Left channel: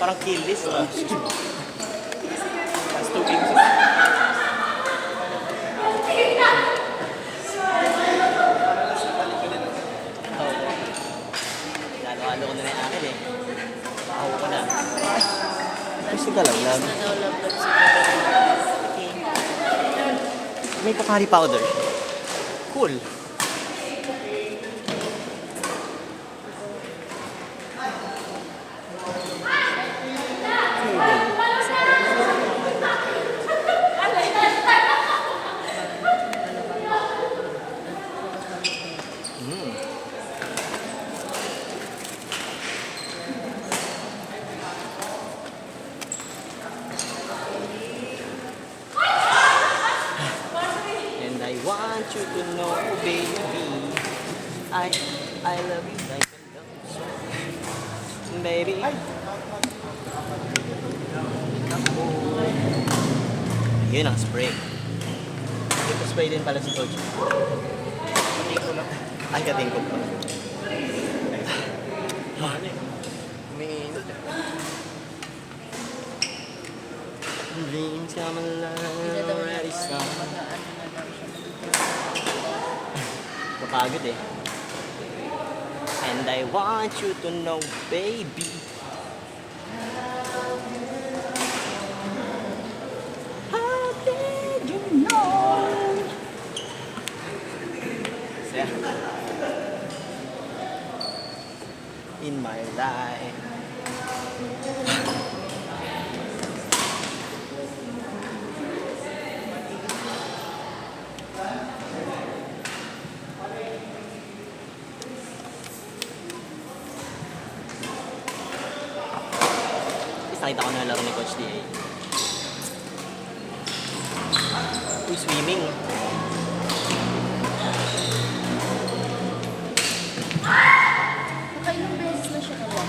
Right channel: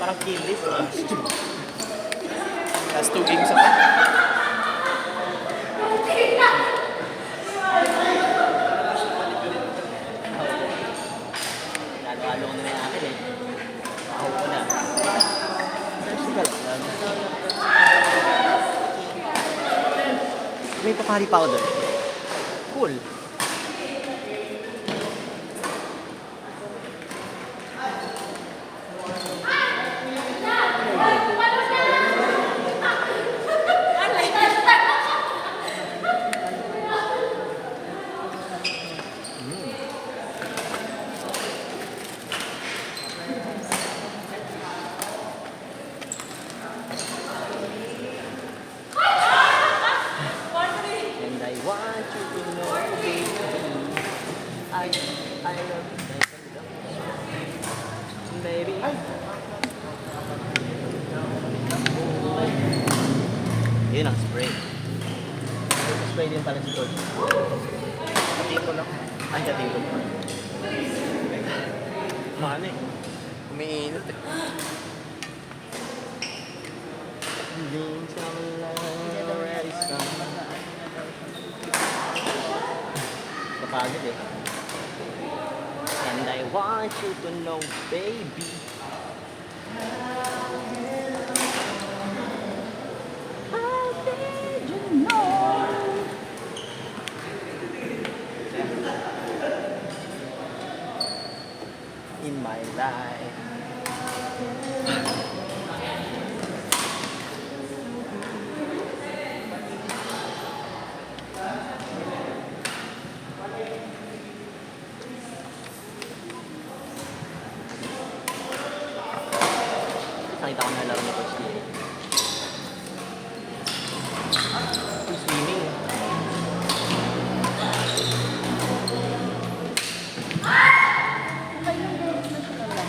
Parang kill list. Last 2 games ako. Lalo-halo ko na rin akin eh. Ako ko na. Ay, sugalang lang. May pakari powder. Cool. And I want you to know, baby, I love you like a baby. Ay! Yun ang spray. Spray din pala si Coach. Pati ko lang. Ay, kating ko pa. Maano eh. Umiinit eh. Dreams come alive. Napagod eh. And I want you to know, baby. How did you know? In my life. Nakita ko na laro ni Coach D.A. Swimming. Ilang beses na siya alam.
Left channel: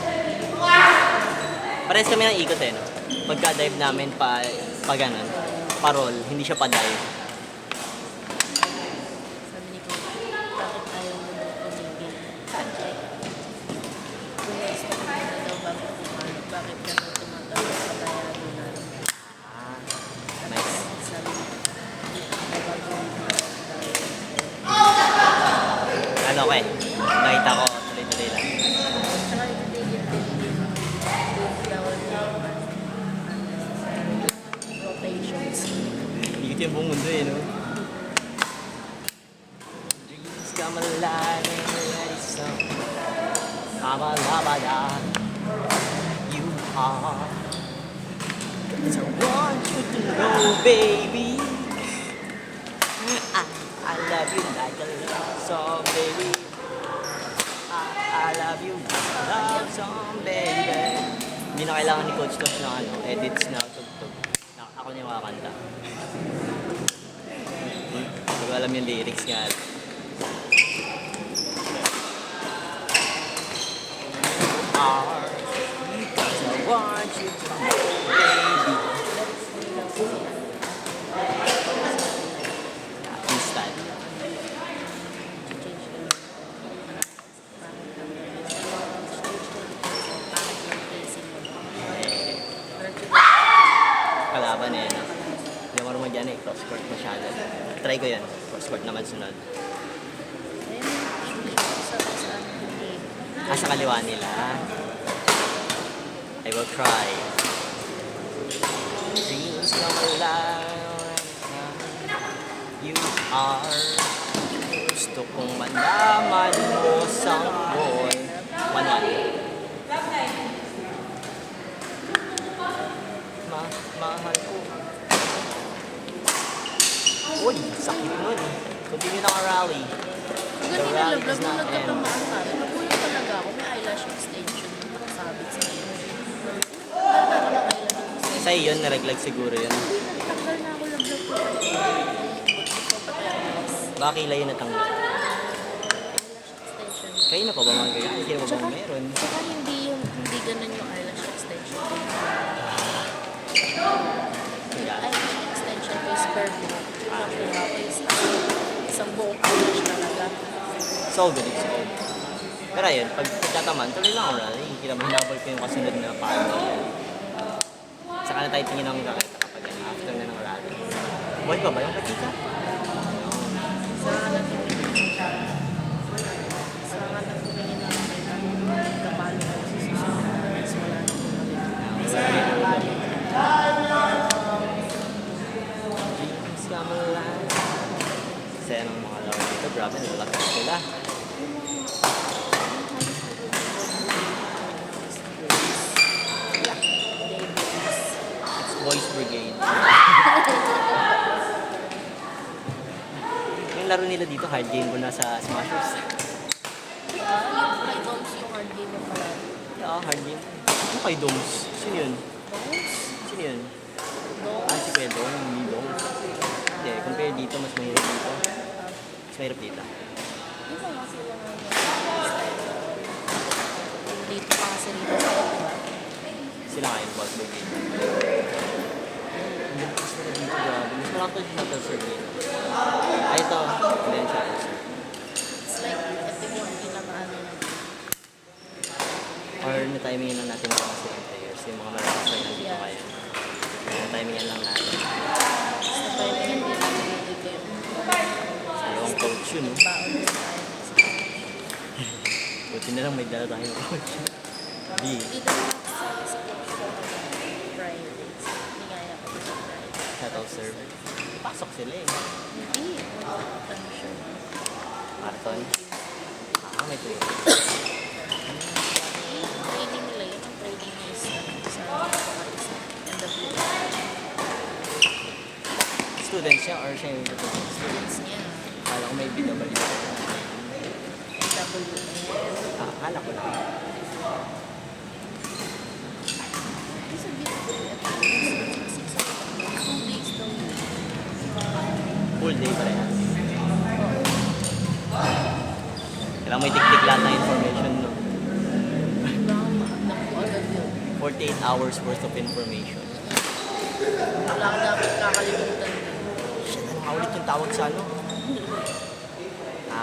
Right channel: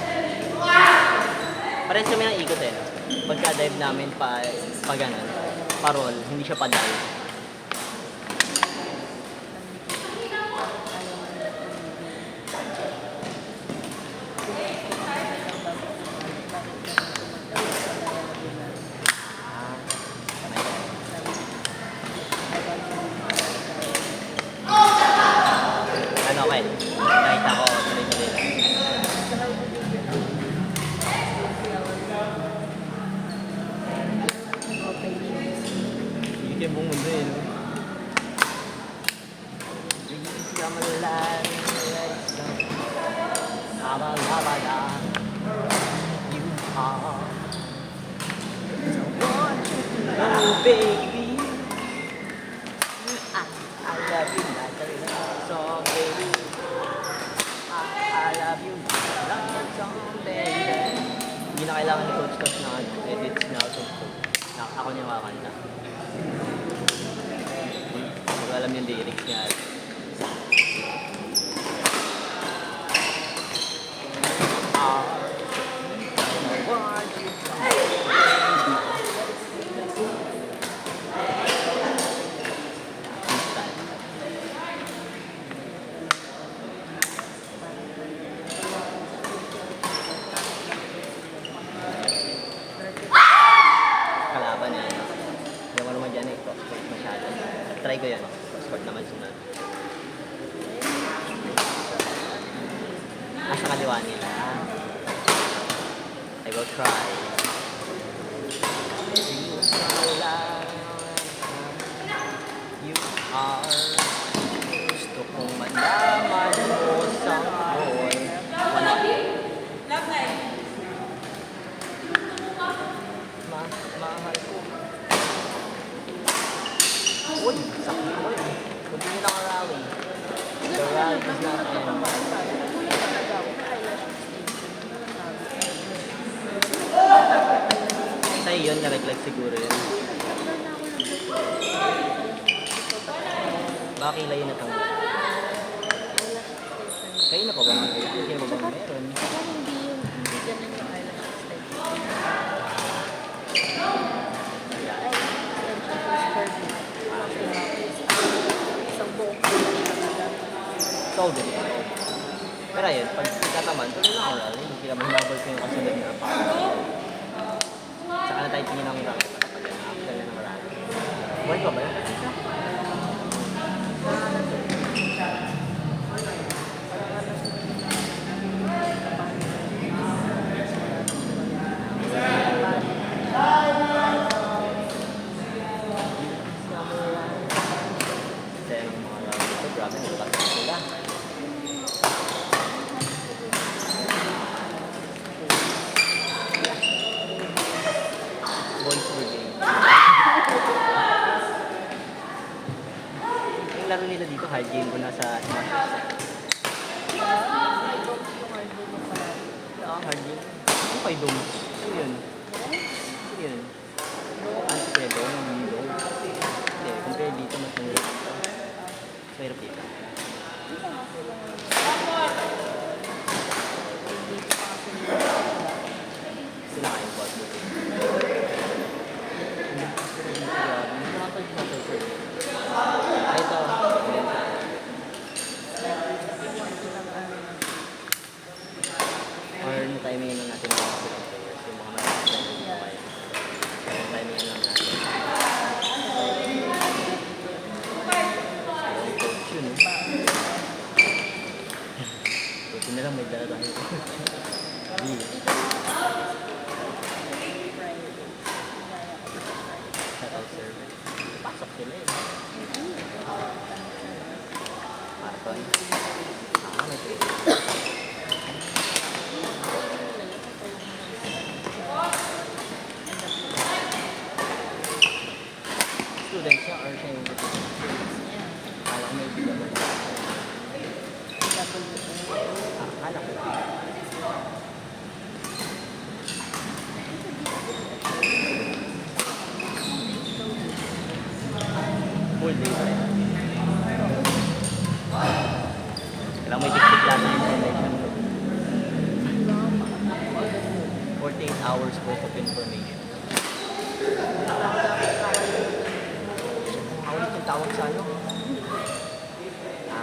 Parehas kami ng ikot eh. Pagka-dive namin pa ganun, parol, hindi siya pa-dive. Nice. Ano okay? Nakita ko, tuloy-tuloy lang. Ikot yung buong mundo eh, no? Dreams come alive, so I'm a lavada. You are. So I want you to know, baby. I love you like a love song, baby. I love you like a love song, baby. Hindi na kailangan ni Coach Tosh ng edits na ako niya makakanta. Hindi ko alam yung lyrics nga. So I want you to know, baby. This time. Kalaban eh. Hindi ako naman dyan eh. Cross-court masyado. Try ko yan. Cross-court naman sunod. Sa kaliwa nila. I will try. Dreams come alive. You are. Gusto kong malaman mo sa boy. Wala. Uy, sakit mo. Continue na ang rally. The rally is not end. Nagulat talaga ako. Eyelash extension. Sabi sa akin. Sa'yo yun, naraglag siguro yun. Natanggal na ako ng Baka kilay yun natanggal. Kayo na pa ba mga ganyan? Kasi ba meron? Saka hindi ganun yung eyelash extension. Yeah. Eyelash extension ko is permanent. Isang buong eyelash talaga. So good. Pero ayun, pag tataman, tuloy lang kanya. Hindi naman hinabol ko yung kasunod na kahit tingin namin kami kapag after na ng rally. Buhay pa ba yung pagkita? Sen, ito grabe, nalakas sila. It's Boys Brigade. Yung laro nila dito, hard game ko na sa Smashers. Yeah, hard game. Ano kay Doms? Sino yun? Sino yun? Ah, si Pedro, yung Doms. Hindi, compare dito, mas mahirap dito. Mas mahirap dito. Dito pa kasi nila. Sila nga yung Boys Brigade. Ang lakas nila dito, grabe. Mas nakakal dito po sir. Ah, ito. Hindi siya. It's like, epidemic ng ano. Or na-timingin lang natin ang mga second players. Yung mga malakas na yung Yeah. kaya. Na-timingin lang natin. Basta pwede hindi natin dito yun. Yung coach yun, eh. Buti na lang may dala tayo. B. Shuttle server. Pasok sila eh. Afton. Ah, may trade. Students siya or siya yung kaya may BW. Akala ko. Full day pa rin. Kailangan may tiktik lang na information. 48 hours worth of information. Awit yung tawag sa ano?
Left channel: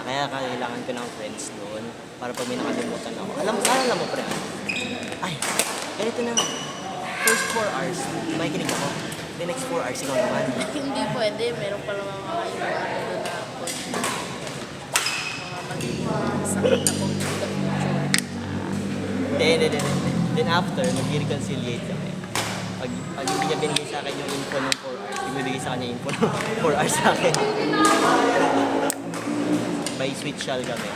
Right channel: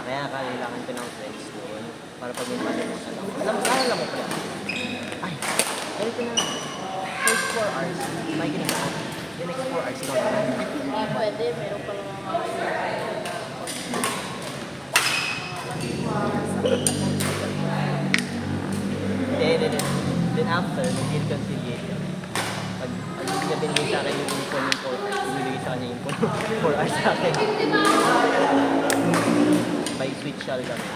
Kaya kailangan ko ng friends doon para pag may nakalimutan ako. Alam mo, pre. Ay, ganito na. First 4 hours, may kinig ako. The next 4 hours, ikaw naman. Hindi pwede, meron pa lang Hindi. Then after, mag-reconciliate kami. Pag hindi niya binigay sa akin yung info ng 4 hours, ibigay sa kanya yung info ng 4 hours sa akin. May switch shell kami.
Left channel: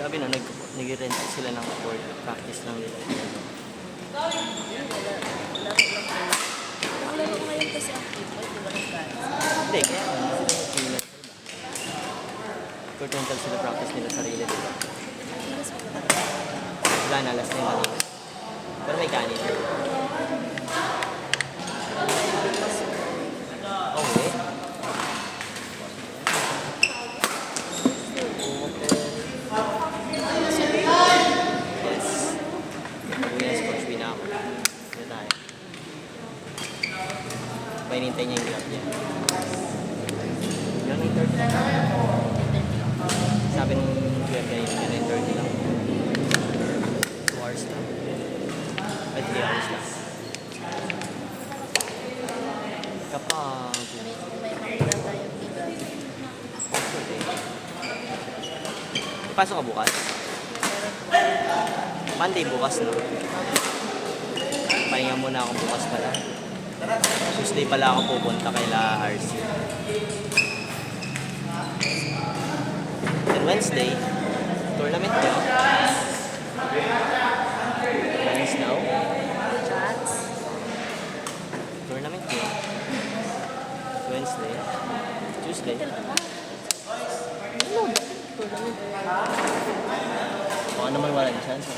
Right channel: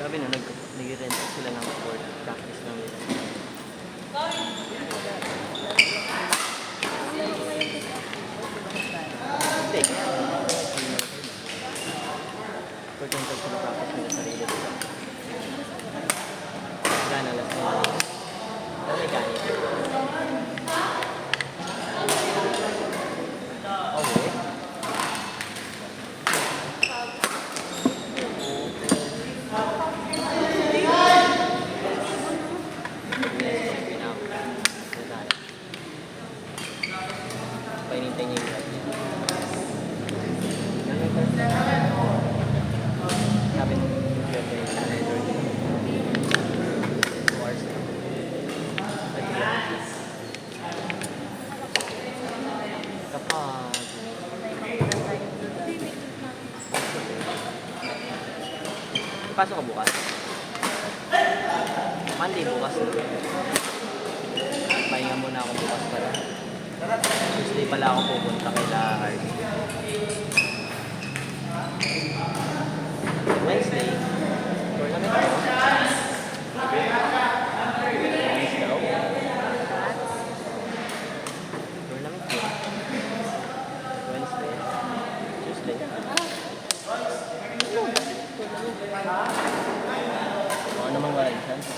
Grabe no, nag-rent sila ng court practice lang nila. Hindi, kaya court rental sila practice nila sarili nila. Wala na, last time kanina. Pero may kanina. Okay. Painintay niya yung grab niya. Ganun ito. Sabi ng grab niya yung surrender niya. 2 hours na. Ay, 3 hours na. Kapag... Pasok ka bukas? Monday bukas no? Pahinga muna ako bukas pala. Tuesday pala ako pupunta kay La RC. Then Wednesday, tournament niya. Release daw. Tournament niya. Wednesday. Tuesday. Baka naman wala yung chance.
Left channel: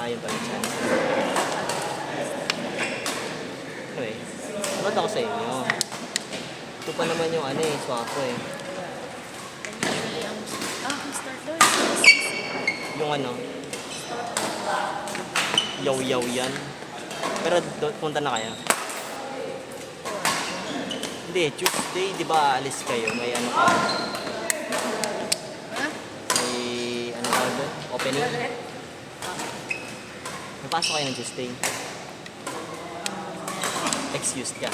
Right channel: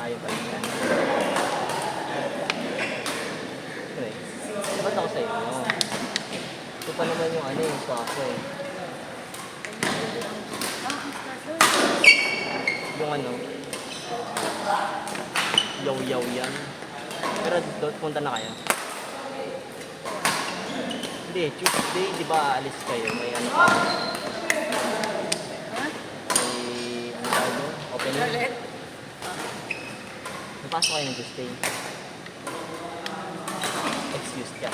Ayaw pa yung chance. Okay. Ba't ako sa inyo? Ito pa naman yung ano eh, swak ko eh. Yung ano, Yaw-yaw yan. Pero punta na kayo. Hindi, Tuesday, di ba alis kayo? May ano pa? Ha? May ano tawag doon? Opening? Ulit? Napasok kayo ng Tuesday. Excused ka.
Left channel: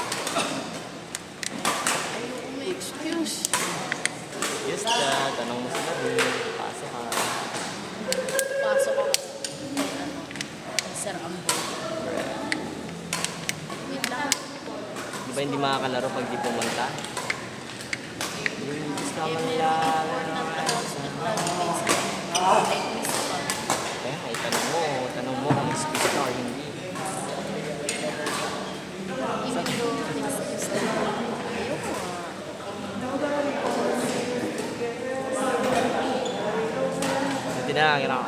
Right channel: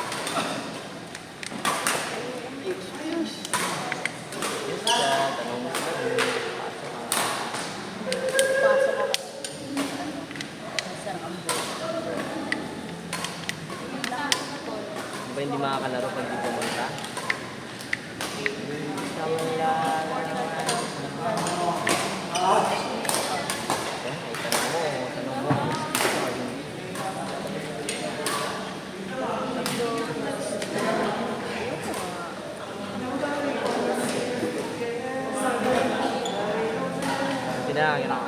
May excuse. Excused ka. Tanong mo sila doon. Pasok ka. Pasok. Masarap ang buhay. Yun lang. Di ba hindi makakalaro pag di pumunta? Gusto ko lang. Eh, ay tanong mo kung excuse ka o hindi. Hindi na lang, hirap.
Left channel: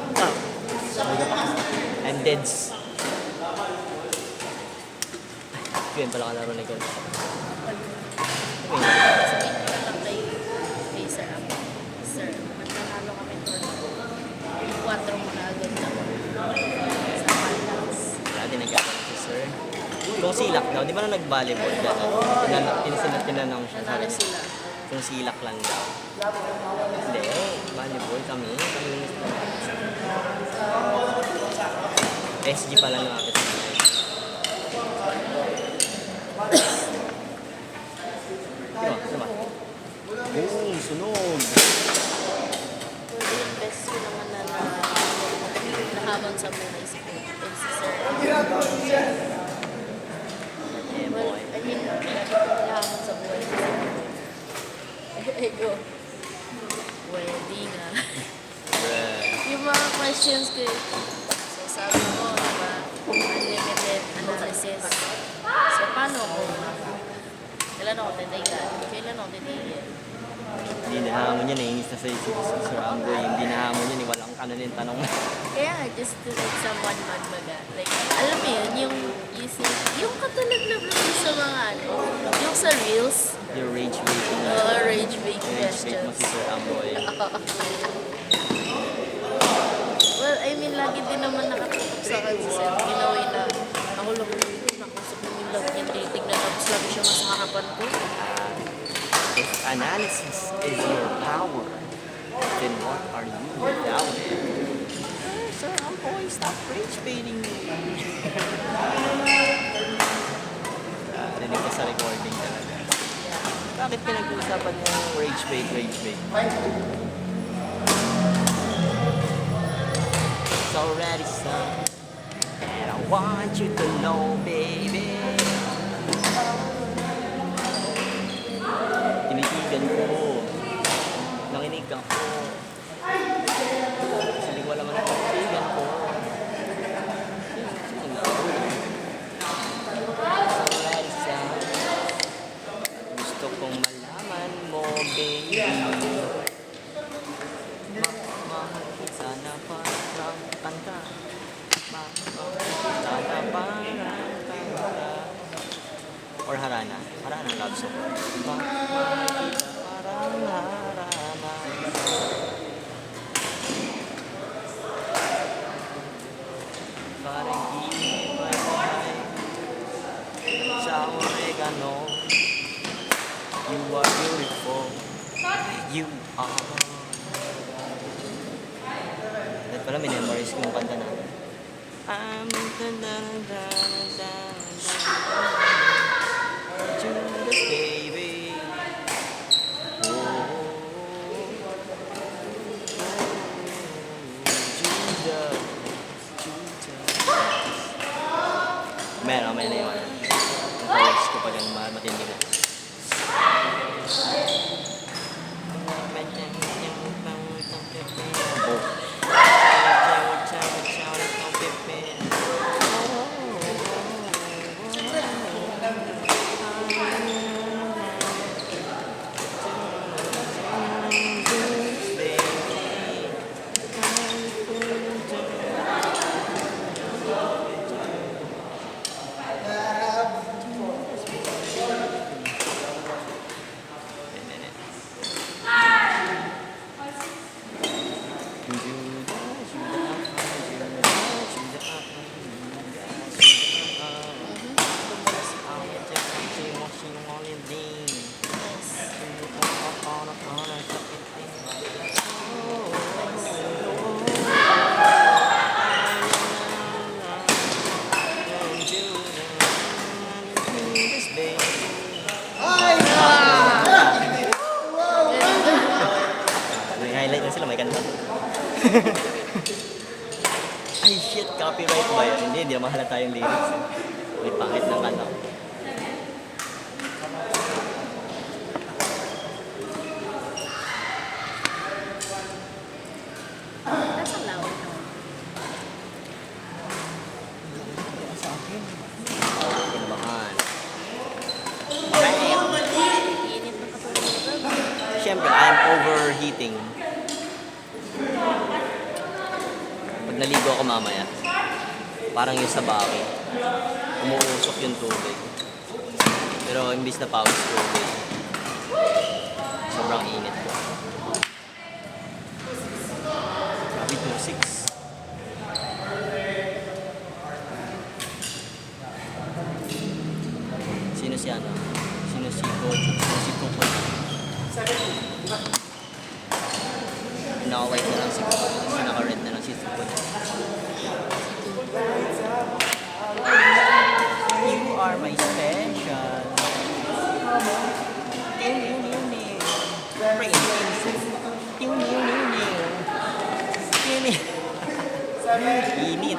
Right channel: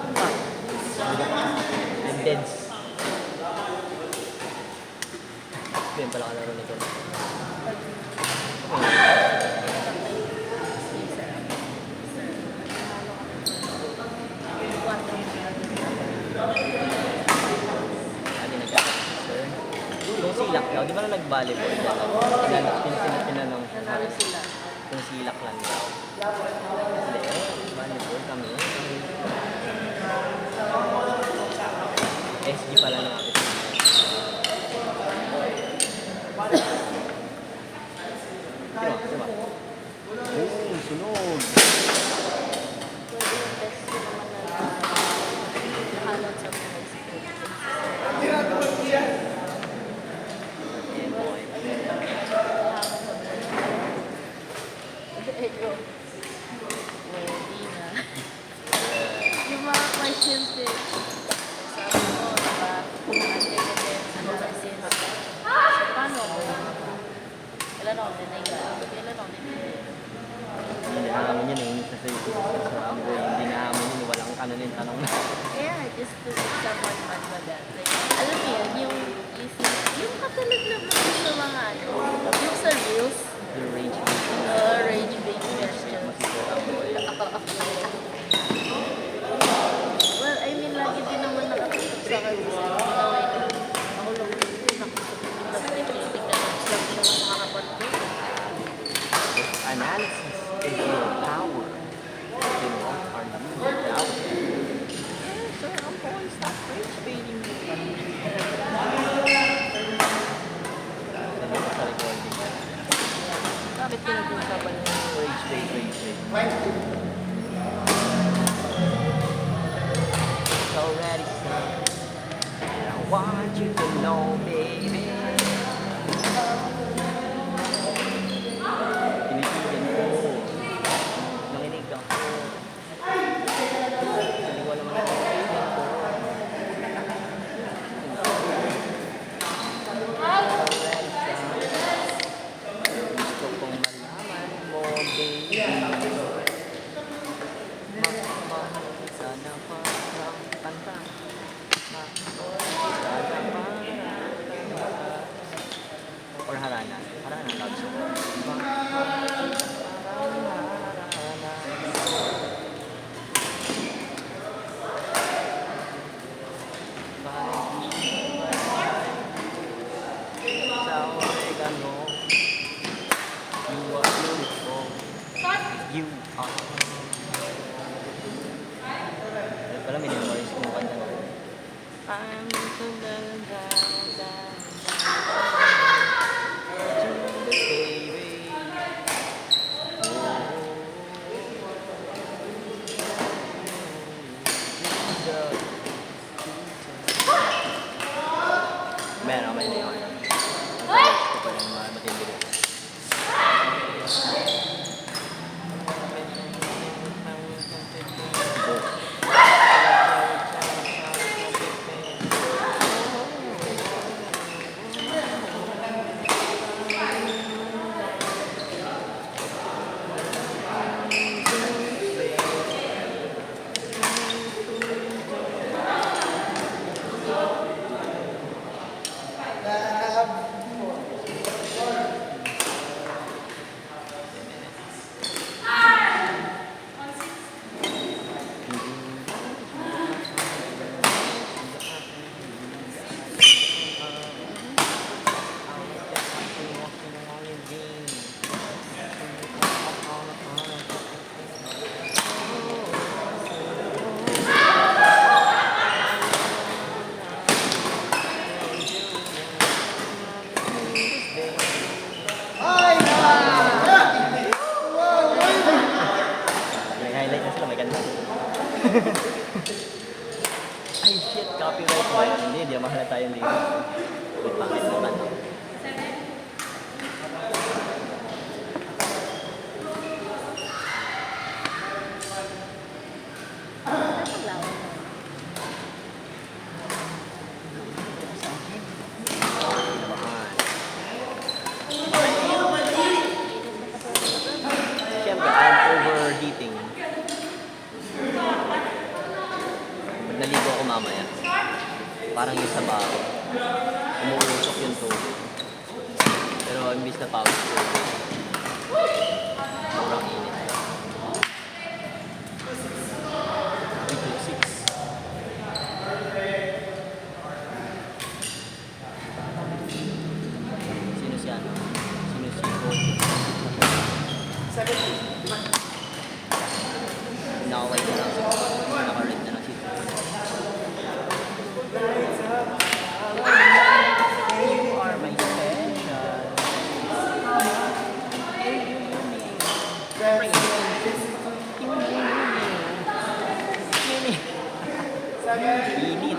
I'm deads. Yun pala kalaro na ganun. Hey, sir. Sir, nanalo kami ng 4 vlogger. Dati nagkakaroon si sir. Kung silak daw, di ba na nag-volleyball? Tinanong siya. Nanalo sila. Kung silak lang daw. Hindi, volleyball kami. SG pala lang natin. Diba? Boom! Sunog! Best ko naman na nakamon sa mga si sir. Yeah, Well, boy. I mean, nakamon sa mga. Ego. Well, di na. Yung mga questions ko, sabi ko, unlimited analysis. So, paano? Kailan ako titigan? Kailan ako titigan? Hindi nahamon yun eh. Inis na sa Sir Amboy. Hindi nahamon yun eh. Walang kananin tanong. Kaya nga, just to like someone man ba like, alam mo yun, yung easy, yung katulad lang naman sa mga ano, yung sa reels, Your rage bait. rage bait Rage bait mo questions. si Sir Amboy. Well, I mean, lagi din naman nakatutok sa akin sa Sir Pinoy na ako lang din ako sa Pinoy tinitignan ko lang siya sa harapan ko. If analysis is your power, then what are you without it? Sir Amboy, stop rage baiting me. Narinig ka sa recording na. Bakit pinag-uusapan mo rage bait, rage bait? It's already said, and I want you to know, baby. Tinitigan ko. Nanginig ako. Sabi ko alam mo na tinitigan ko. Already said, gusto kong malaman mo, baby. Ay shit, copyright ba yun? Hindi naman halata yung lyrics. Uy, pangit naman. Nasa lawan. Init na pa talaga. Siyempre, I'm overheating. Pag naligo ako mamaya, parang yung sa bakit. Umuusok yung tubig. Pero imbis na pawis tubig, sobrang init ko. 326. Sino si ano? Sino si Coach? Sino si Coach? Nakaway ko lang si Coach. Naka-red na lang si Coach. You are my special. Init.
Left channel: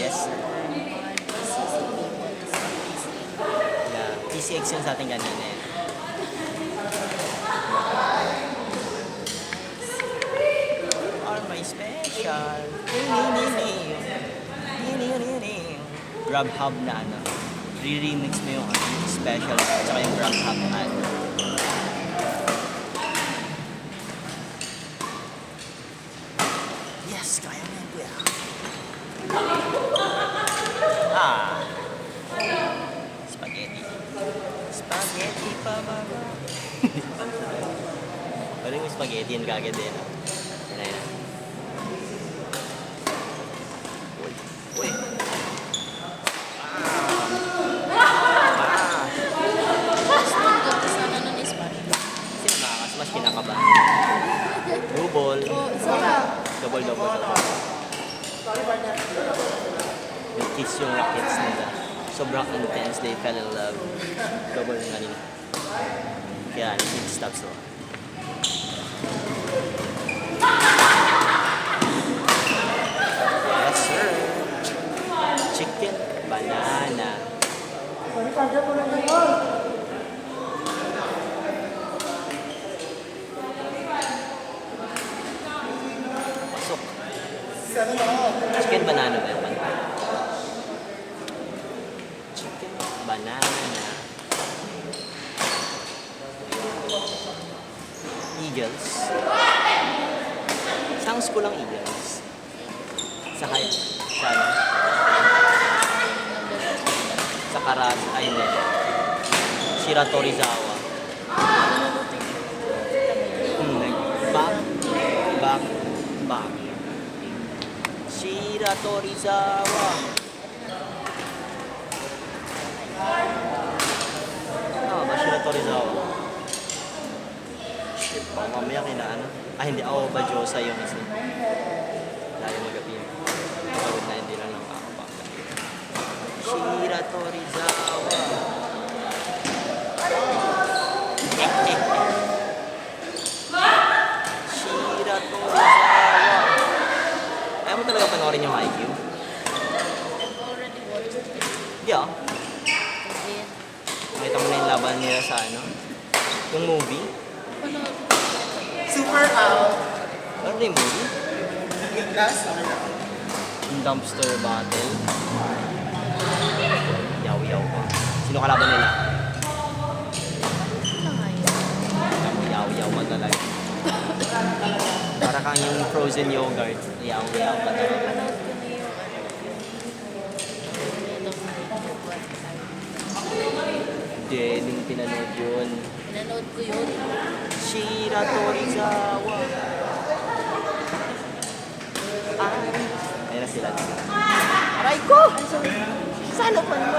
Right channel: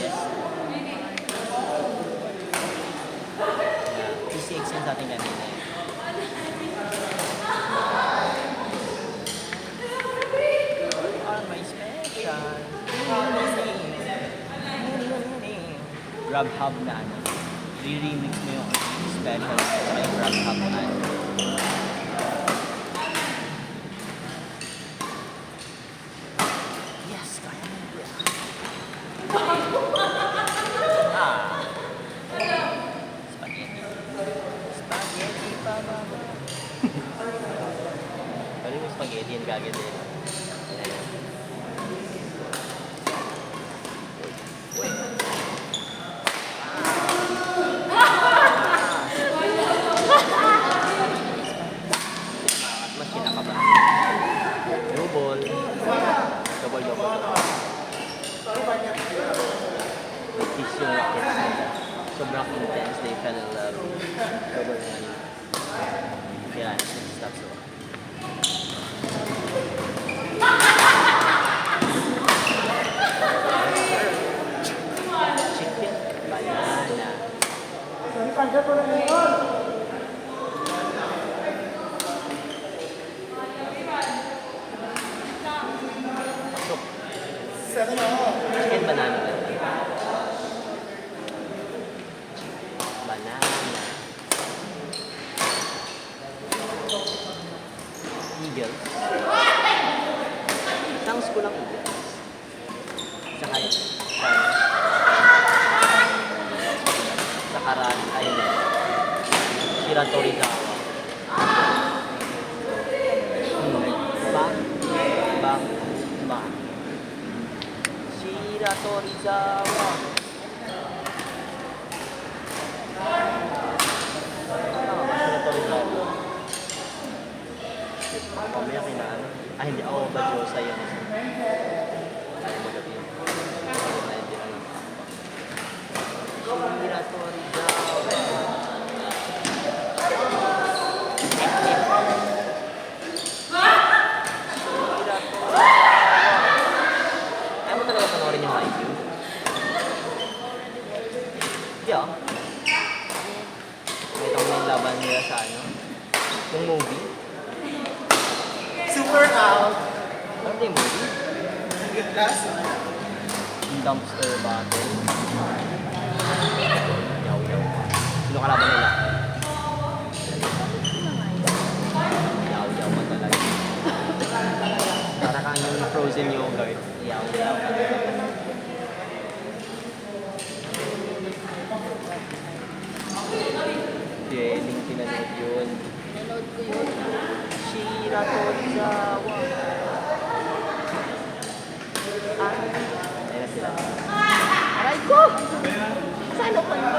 Yes. PCX yung sa atin kanina eh. You are my special. Grubhub na ano. Re-remix mo yung special at saka yung Grubhub na ano. Yes, kaya mo yan, kuya. Ah. Spaghetti. Spaghetti pa ba? Pwede mo spaghetti yan kagad eh. Ayan. Uy. Mas kinakabahan. Rubol. Double. Nag-kiss yung rockets nila. Sobrang intense, they fell in love. Double na rin. Kaya, 6 stops lang. Yes, sir. Chicken banana. Pasok. Chicken banana ba yun? Chicken banana. Eagles. Isang school ang Eagles. Sa kaya. Sa Karan Island. Shiratorizawa. Back. Shiratorizawa. Shiratorizawa. Shit, mamaya kailangan. Ah, hindi ako ba Diyosa yun isa. Dahil magabi. Na hindi lang. Shiratorizawa. Ayaw mo talaga panoorin yung IQ? Yeah. Nakita mo na yung laban nila sa ano? Yung movie? Super out. Ano yung movie? Last? Yung dumpster battle. Yaw. Sino kalaban nila? Yaw ba talaga? Para kang yung frozen yogurt. Yaw. Deling pinanood yun. Pinanood ko yun. Shiratorizawa. Ayun na sila. Aray ko! Sana pa ba?